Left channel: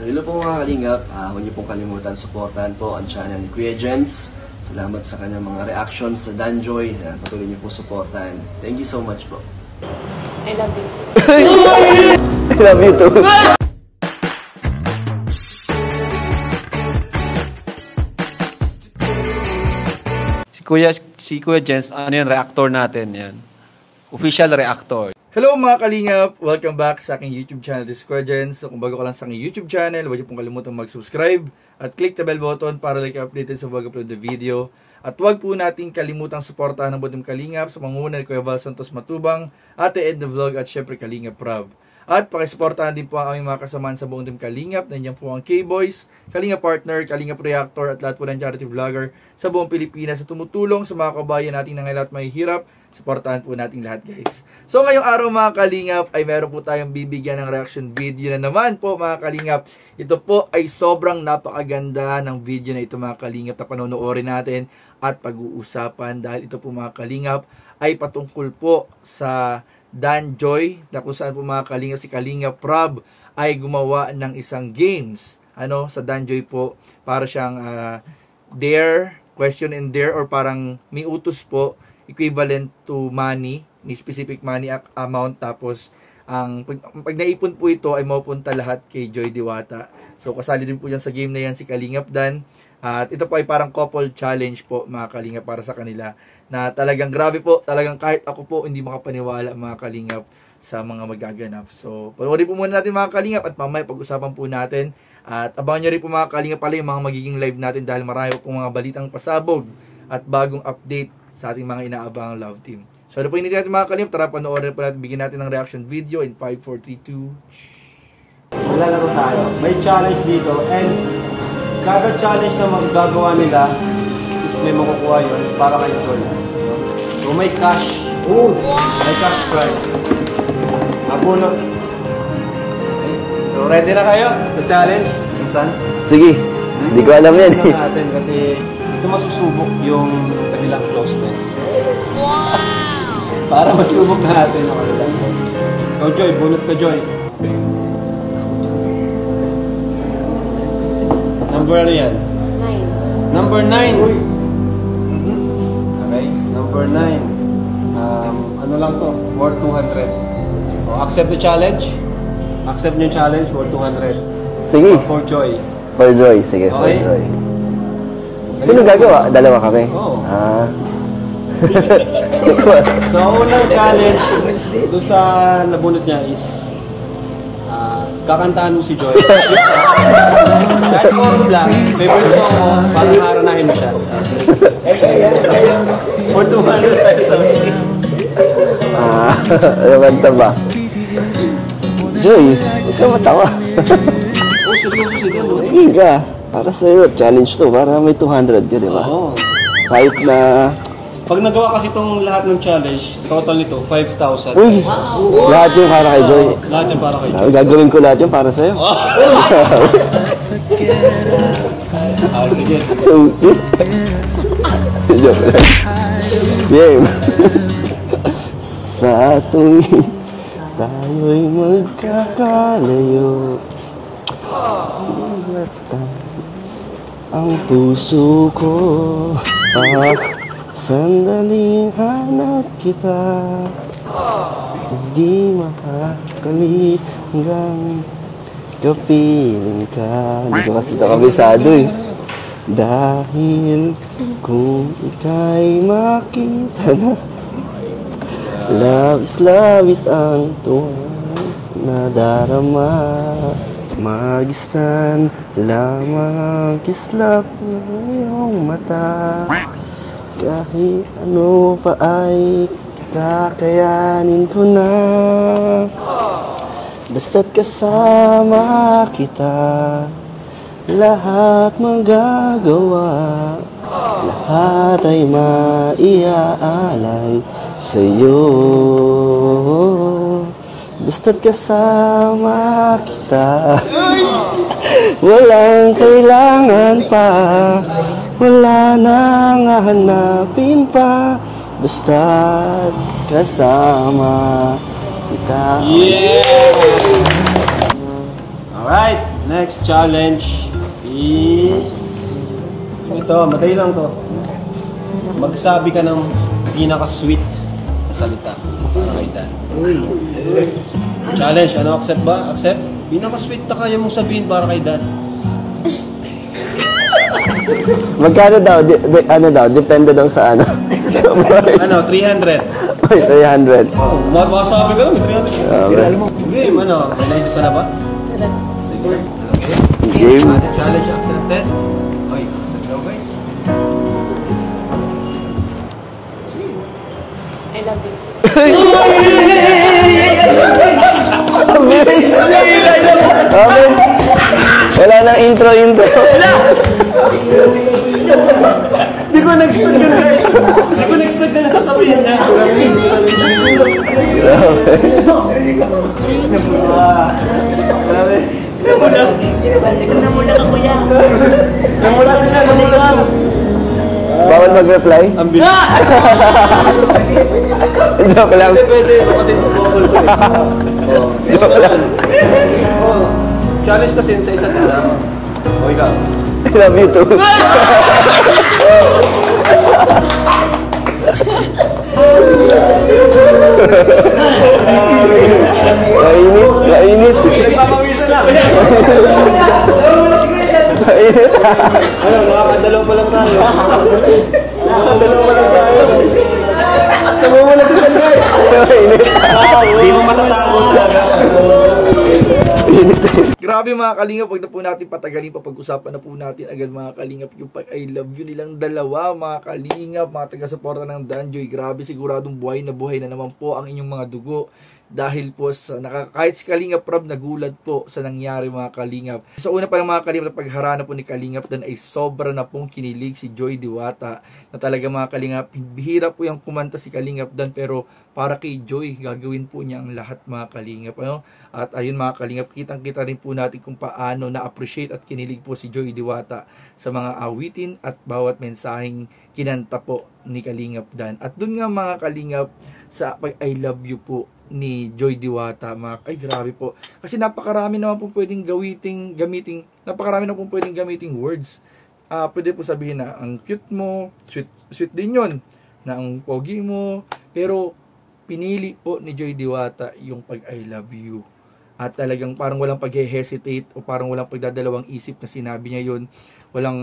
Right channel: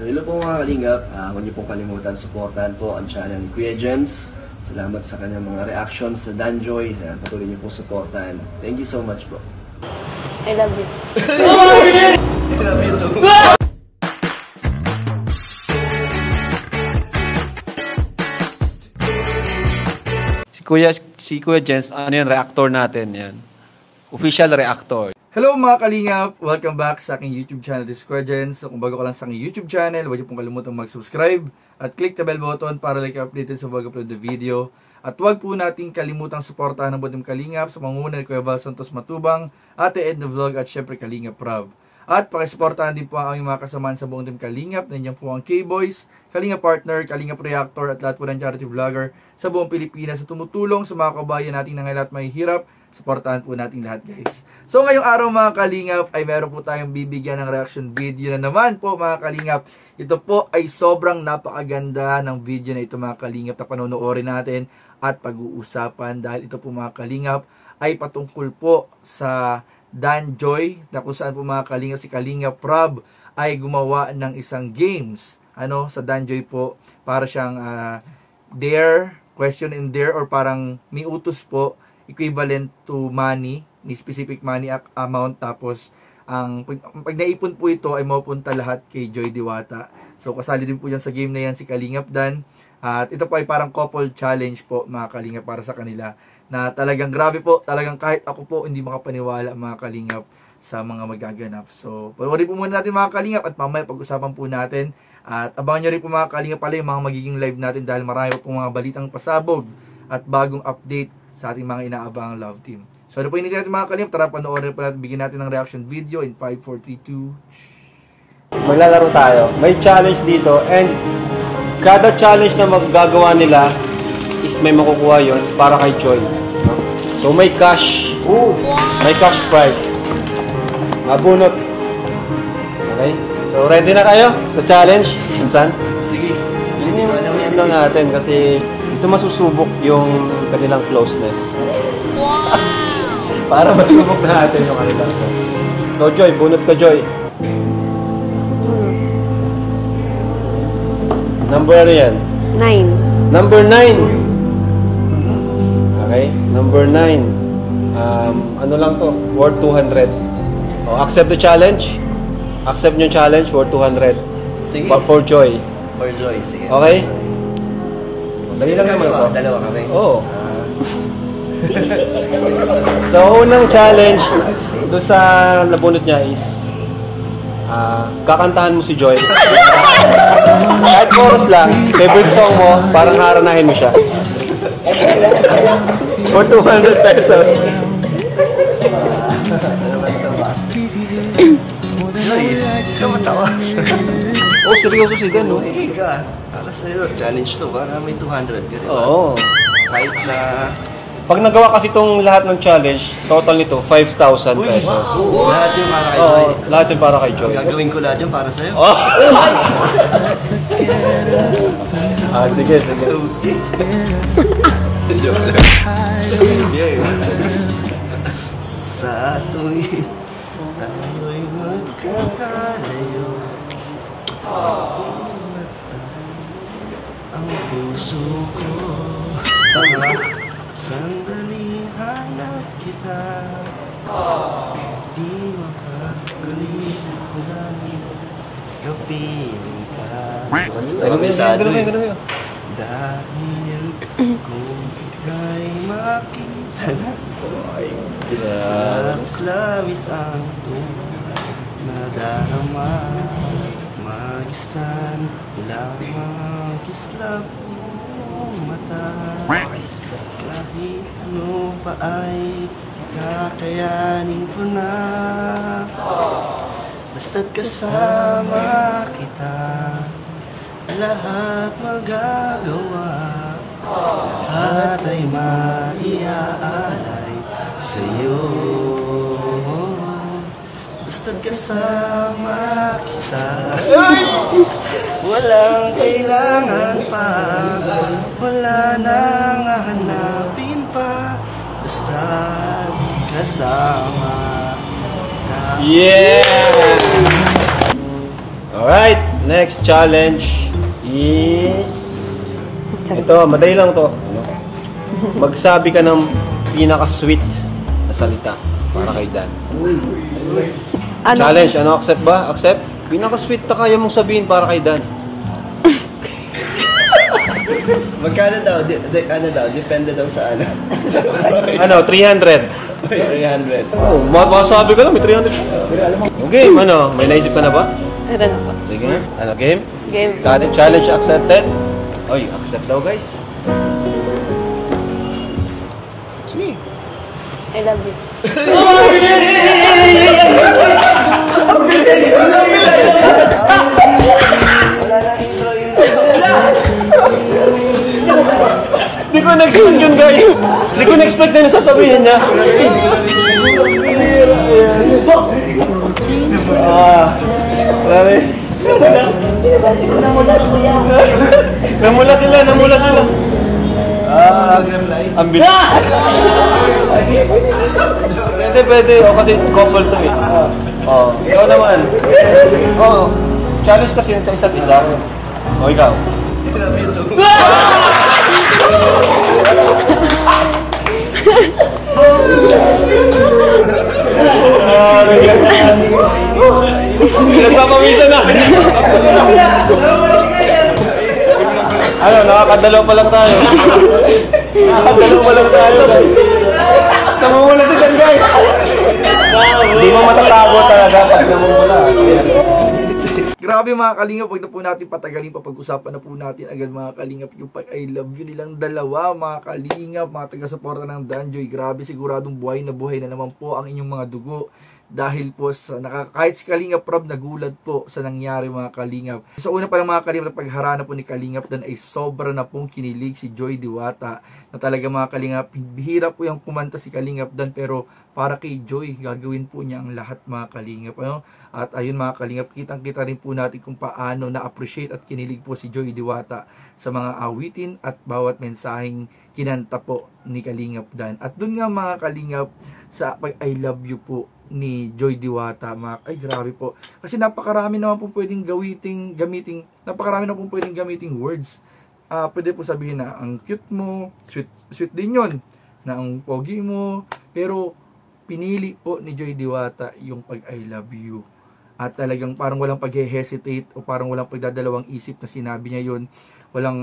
So hello po mga kalingap, huwag niyo pong kalimutan supportahan po ang channel ni Kuya Jems. Salamat sa kanyang mga reactions sa Danjoy. Patuloy niyo po supportahan. Thank you so much po. I love you. I love you too. Si Kuya Jens, ano yan, reactor natin yan. Official reactor. Hello mga kalingap! Welcome back sa aking YouTube channel, this is Kuya Jens. So kung bago ka lang sa aking YouTube channel, huwag niyo pong kalimutan mag-subscribe at click the bell button para like updated sa bago upload na video. At huwag po nating kalimutang suportahan ng buong kalingap sa pangunguna ni Kuya Val Santos Matubang, Ate Edna Vlog at syempre Kalingap Rob. At pakisuportahan din po ang aming mga kasamaan sa buong Team Kalingap. Nandiyan po ang K-Boys, Kalingap Partner, Kalingap Reactor at lahat po ng charity vlogger sa buong Pilipinas na tumutulong sa mga kabayan nating nangyayari at mahihirap. Suportahan po natin lahat guys. So ngayong araw mga Kalingap ay meron po tayong bibigyan ng reaction video na naman po mga Kalingap. Ito po ay sobrang napakaganda ng video na ito mga Kalingap na panonoodin natin at pag-uusapan dahil ito po mga Kalingap ay patungkol po sa Danjoy na kung saan po mga Kalingap si Kalingap Rob ay gumawa ng isang games sa Danjoy po para siyang dare, question and dare or parang may utos po equivalent to money, may specific money amount tapos pag naipon po ito ay mapupunta lahat kay Joy Diwata. So kasali din po yan sa game na yan si Kalingap Dan. At ito po ay parang couple challenge po mga Kalingap para sa kanila na talagang grabe po, talagang kahit ako po hindi makapaniwala mga Kalingap sa mga magaganap. So panoorin po muna natin mga Kalingap at mamaya pag-usapan po natin at abangan nyo rin po mga Kalingap pala yung mga magiging live natin dahil marami po mga balitang pasabog at bagong update sa ating mga inaabangang love team. So ano po hindi natin mga Kalingap, tara panoorin po natin, bigyan natin ng reaction video in 5, 4, 3, 2. Maglalaro tayo. May challenge dito and kada challenge na magagawa nila is may makukuha yun para kay Joy. So may cash. May cash prize. Abunot. Okay? So ready na kayo sa challenge? Minsan? Sige, hindi ko alam yan. Ito natin kasi ito masusubok yung kanilang closeness. Wow! Para masubok na natin yung kanilang closeness. Ikaw Joy, bunot ka Joy. Number ano yan? 9. Number 9. Okay, number 9. Ano lang to? Worth 200. Accept the challenge. Accept yung challenge worth 200. Sige. For Joy. For Joy, sige. Okay. For Joy. Sino gagawa? Dalawa kami? Oo. So, unang challenge doon sa nabunot niya is kakantahan mo si Joy. Kahit chorus lang, favorite song mo, parang haranahin mo siya. For 200 pesos. Ano ba? Joy, ikaw matawa. Oh, seryoso si Dan. Higa, para sa'yo, challenge to. Para may 200 ka, di ba? Oo. Kahit na... Pag nagawa kasi itong lahat ng challenge, total nito, 5,000 Uy, pesos. lahat yung para kay Joy. Lahat yung para kay Joy. Gagawin ko lahat yung para sa'yo. Sige, sige. Yeah. Sa tuwing tayo'y magkakalayo, ang puso ko sandaling hanap kita, di makakalit hanggang kapiling ka. Hindi ko kasi kabisado eh. Dahil kung ika'y makita na, labis-labis ang tunay na darama, magistan lamang ang kislap ng iyong mata. Kahit ano pa ay kakayanin ko na, basta't kasama kita, lahat magagawa, lahat ay maiaalay sa'yo. Basta't kasama kita, walang kailangan pa, wala nang hahanapin pa, basta't kasama kita. Yes! Alright, Next challenge is... Ito, madali lang to. Magsabi ka ng pinaka-sweet na salita para kay Dan. Challenge, ano? Accept ba? Accept? Pinaka-sweet na kaya mong sabihin para kay Dan. Magkano daw? Ano daw? Depende daw sa ano. Ano? 300. Ay, 300. Oh, masabi ka na, may 300. Okay, ano? May naisip ka na ba? Meron ako. Sige. Ano, game? Game. Challenge accepted. Oy, accept daw, guys. Sige. I love you. Wala nang intro. Di ko na-expect yun, guys. Di ko na-expect na nasasabihin niya. Namula sila. Bawal mag-reply? Ang bilis. Joke lang. Pwede. Kasi couple to eh. Oh, ikaw naman. Oh, challenge kasi yun sa isa't isa. O, ikaw. I love you too. Mainit. Nagpapamisa na. Ano, nakakadalaw pa lang tayo. Namumula sila, guys. Hindi mo matatago talaga. Grabe mga kalingap, wag na po natin patagalin pa, pag-usapan na po natin agad mga kalingap yung pag I love you nilang dalawa mga kalingap, mga taga-suporta ng Danjoy. Grabe, siguradong buhay na naman po ang inyong mga dugo. Dahil po sa kahit si Kalingap Rob nagulat po sa nangyari mga kalingap. Sa una pa lang mga kalingap, pagharana po ni Kalingap Dan ay sobra na pong kinilig si Joy Diwata. Na talaga mga kalingap, bihira po yung kumanta si Kalingap Dan, pero para kay Joy, gagawin po niya ang lahat mga kalingap. Ano? At ayun mga kalingap, kitang-kita rin po natin kung paano na-appreciate at kinilig po si Joy Diwata sa mga awitin at bawat mensaheng kinanta po ni Kalingap Dan. At dun nga mga kalingap, sa pag I love you po ni Joy Diwata, ay grabe po, kasi napakarami naman po pwedeng gamiting words. Pwede po sabihin na ang cute mo, sweet din yun, na ang pogi mo, pero pinili po ni Joy Diwata yung pag I love you, at talagang parang walang pag-hesitate o parang walang pagdadalawang isip na sinabi niya yun. Walang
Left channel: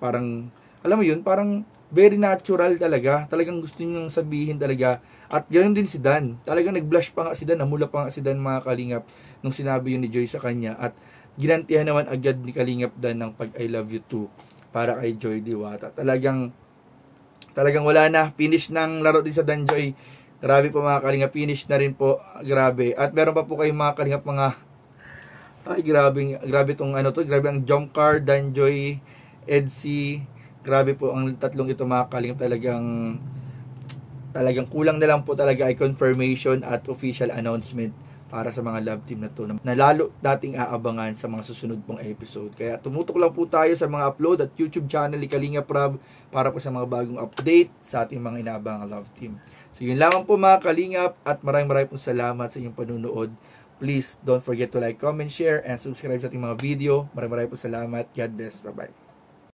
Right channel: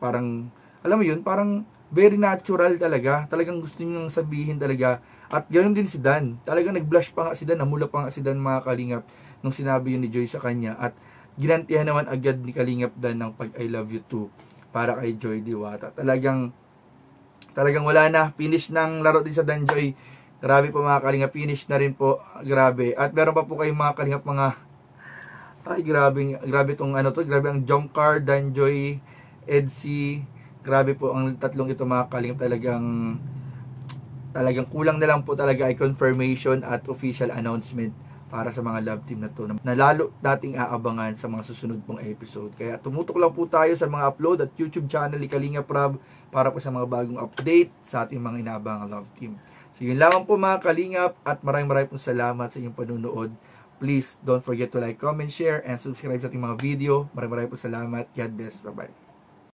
parang, alam mo yun, parang very natural talagang gusto niyang sabihin talaga. At ganoon din si Dan, talagang nag-blush pa nga si Dan, namula pa nga si Dan mga kalingap nung sinabi yun ni Joy sa kanya, at ginantihan naman agad ni Kalingap Dan ng pag I love you too para kay Joy Diwata. Talagang wala na, finish ng laro din sa Danjoy. Grabe po mga kalingap, finish na rin po, grabe. At meron pa po kayong mga kalingap grabe tong grabe ang jump card, Danjoy, Edsy. Grabe po ang tatlong ito mga kalingap, talagang kulang na lang po talaga ay confirmation at official announcement para sa mga love team na to, na lalo nating aabangan sa mga susunod pong episode. Kaya tumutok lang po tayo sa mga upload at YouTube channel ni Kalingap Rob para po sa mga bagong update sa ating mga inaabangang love team. So yun lamang po mga kalingap, at maraming pong salamat sa inyong panunood. Please don't forget to like, comment, share, and subscribe sa ating mga video. Maraming po salamat. God bless. Bye-bye.